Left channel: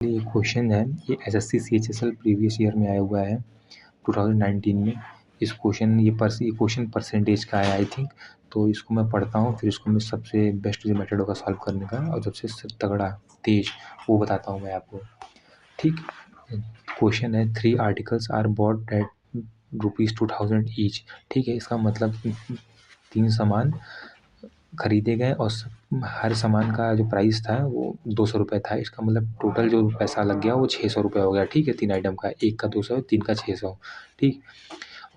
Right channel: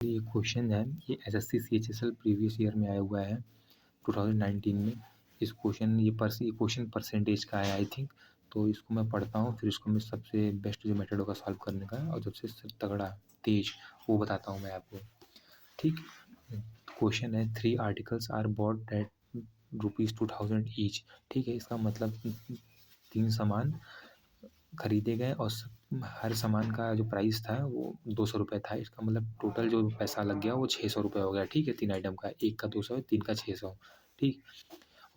ये क्वेश्चन है, ये एसएससी सीएचएसएल प्रीवियस ईयर में आया हुआ है 2019 में। इस क्वेश्चन ये क्वेश्चन परसेंटेज का है आई थिंक। तो इसको मैं पढ़ता हूँ, फिर इसको मैं सबसे बेस्ट जो मेथड होगा सॉल्व करने का और सबसे तगड़ा तेज वो बताता हूँ मैं आपको। ठीक, क्वेश्चन है 3 articles are bought at ₹2000 each. ठीक है, इसका मतलब 3 सामान खरीदे गए और हर सामान का जो प्राइस था वो 200 रुपये था। इसका मतलब टोटल जो पैसा लग गया वो 600 रुपये हो गया। ठीक है, 3 आइटम का, एक का 200, 3 का 600। ठीक,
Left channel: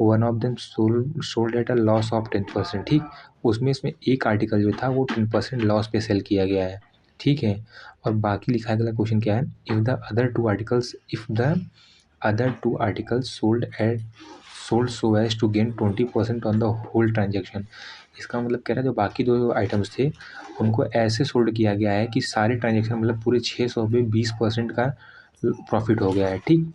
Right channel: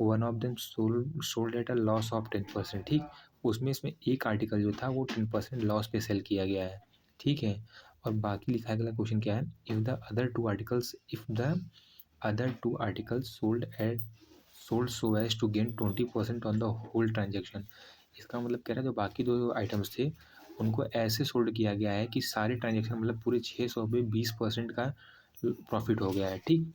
one of them sold at a loss of 10%। ठीक, उसमें इसमें एक आर्टिकल जो था वो 10% लॉस पे सेल किया गया है। ठीक है, और बाकी लिखा गया क्वेश्चन क्या है, if the other two articles sold so as to gain 20% on the whole transaction. इसका मतलब कह रहा है जो बाकी दो आइटम्स थे उनको ऐसे सोल्ड किया गया है कि सारे ट्रांजेक्शन मतलब पूरे 600 पे 20% का प्रॉफिट हो गया है। ठीक,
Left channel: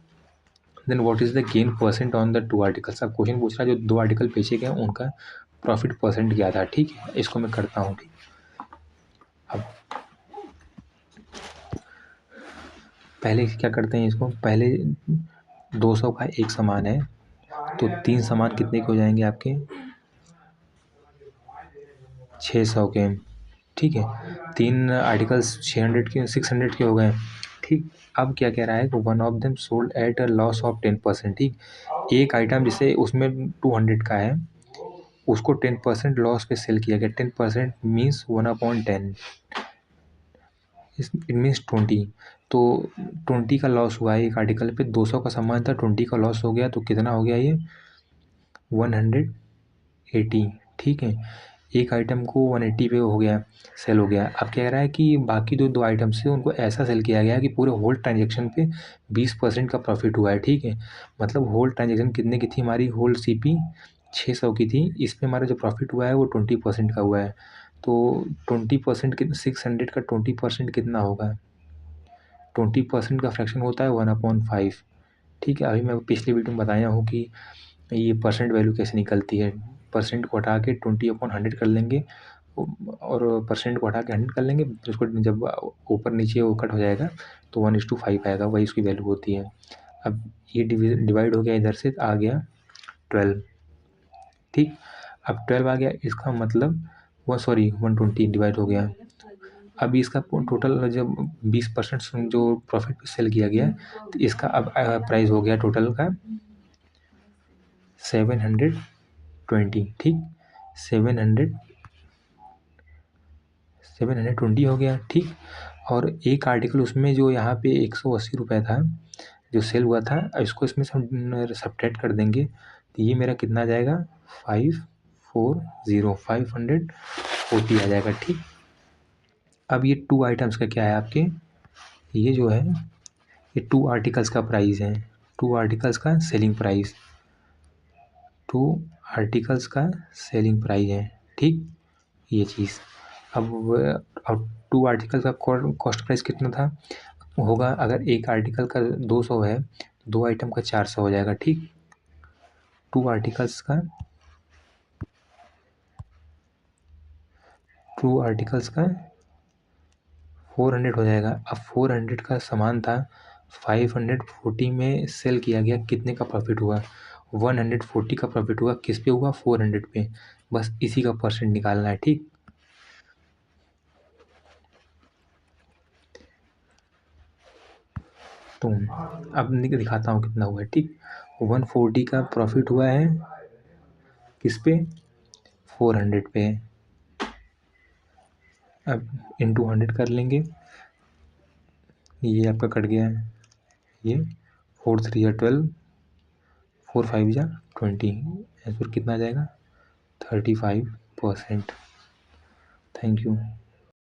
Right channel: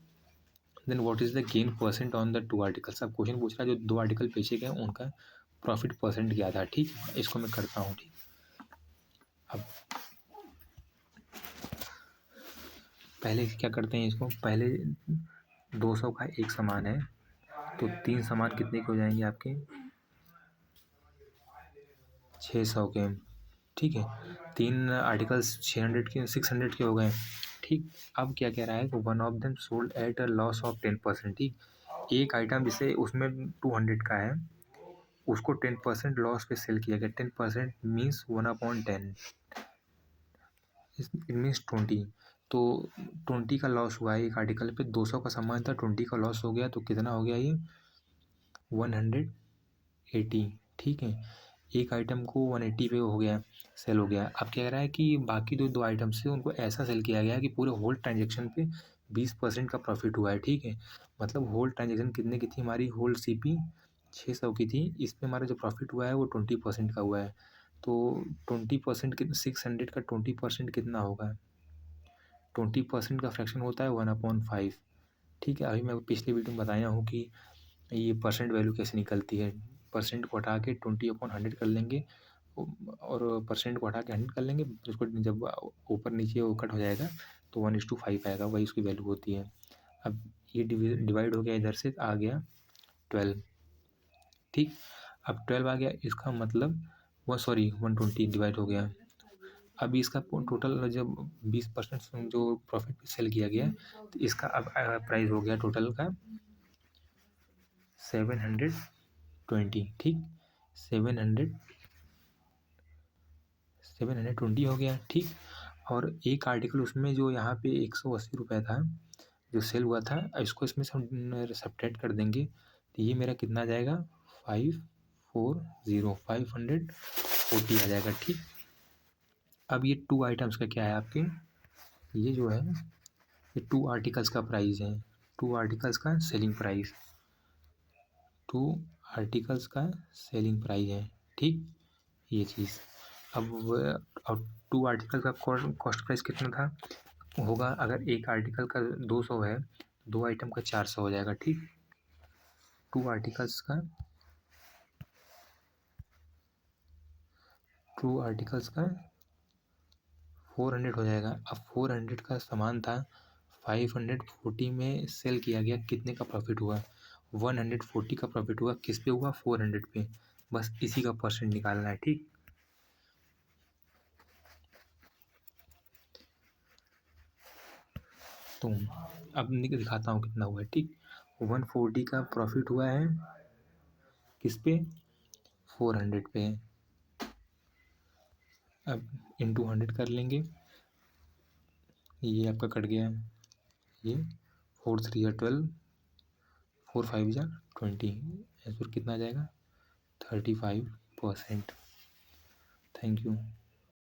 then what is the gain percent on the 2 articles. अब क्वेश्चन पूछ रहा है जो 2 आर्टिकल बेचे गए उनका प्रॉफिट परसेंट क्या था। ठीक है, इसको मैं करता हूँ। ठीक, अब पहले क्या करते हैं, इसको पहले 200 का एक सामान है तो 3 सामान कितने के हो जाएंगे आपके, 600 के। ठीक है, 3 आर्टिकल्स 600 के हो गए। ठीक, अब क्या कह रहा है कि one of them sold at a loss of 10%। ठीक, एक आइटम जिसे उसमें 200 का है उसको 10% लॉस पे सेल किया गया। 10% मीन्स 1/10, इट मीन्स 20। तो 20 का लॉस हुआ है एक आर्टिकल पे। 200 का सामान था, 20 का लॉस हो गया तो कितना हो गया ये, 180। ठीक है, एक आइटम को 180 पे हो गया, सेल हो गया। अब कह रहा है कि बाकी जो 2 आइटम्स थे उनको ऐसा सेल किया गया कि पूरे होल ट्रांजेक्शन पे 20% का प्रॉफिट हुआ है। ठीक है, मतलब होल ट्रांजेक्शन कितने की थी हमारी, होल सीपी 600 की थी, इस पे हमारा जो प्रॉफिट हुआ है वो 20% का हुआ है। तो 20% कितना, 600 का 20% कितना होगा, 20% का फ्रैक्शन होता है 1/5। ठीक है, अभी मैं पिछले वीडियो में बताया हूँ कि ये परसेंट वैल्यू कैसे निकलती है। परसेंट को हटा के 20/100 कर लेंगे और परसेंट को हटा के 100 कर लेंगे, तो उसको जब ऊपर नीचे वो कट हो जाएगा तो 1:5 आएगा, वही उसकी वैल्यू होती है। अब ये डिवाइड हो गया, इधर से आ गया 12। ठीक, अब 12 आ गया, इसका मतलब 120 डिवाइड हो गया। अभी इसका टोटल जब 20% जो प्रॉफिट पे सेल किया गया तो इसका अब प्राइस हो गया टोटल का 720। ठीक, 720 हो गया। ठीक, और एक आर्टिकल उसमें जो यहाँ पे 180 रुपये था जो सेल हुआ था, इसको इसमें से हम सब्ट्रैक्ट कर देंगे तो ये मेरा कितना आ जाएगा, 540 आ जाएगा। ठीक, अब ये 2 आइटम्स का क्या है आपके, ये जो है ये 2 आर्टिकल्स का प्राइस है, 2 आर्टिकल्स का सेलिंग प्राइस, 2 आर्टिकल्स का सेलिंग प्राइस है। ठीक, ये चीज़ अब 2 आर्टिकल का कॉस्ट प्राइस कितना था होगा, अगर एक आर्टिकल का 200 है, 2 आइटम का 400 हो जाएगा। ठीक, 2 आर्टिकल्स का 400 हो जाएगा। अब 400 का सामान था, 540 में सेल किया गया, कितने का प्रॉफिट हुआ, 140 का प्रॉफिट हुआ। किस पे हुआ, 400 पे। बस इसी का परसेंट निकालना है। ठीक, तो अब दिखाता हूँ कितना हुआ है। ठीक, 140 का प्रॉफिट हुआ है किस पे, 400 पे। अब इंटू 100 कर लेंगे, ये आपका कट गया है, ये 4 3 या 12, 4 5 या 20, आंसर कितना आ जाएगा, 35%। Thank you.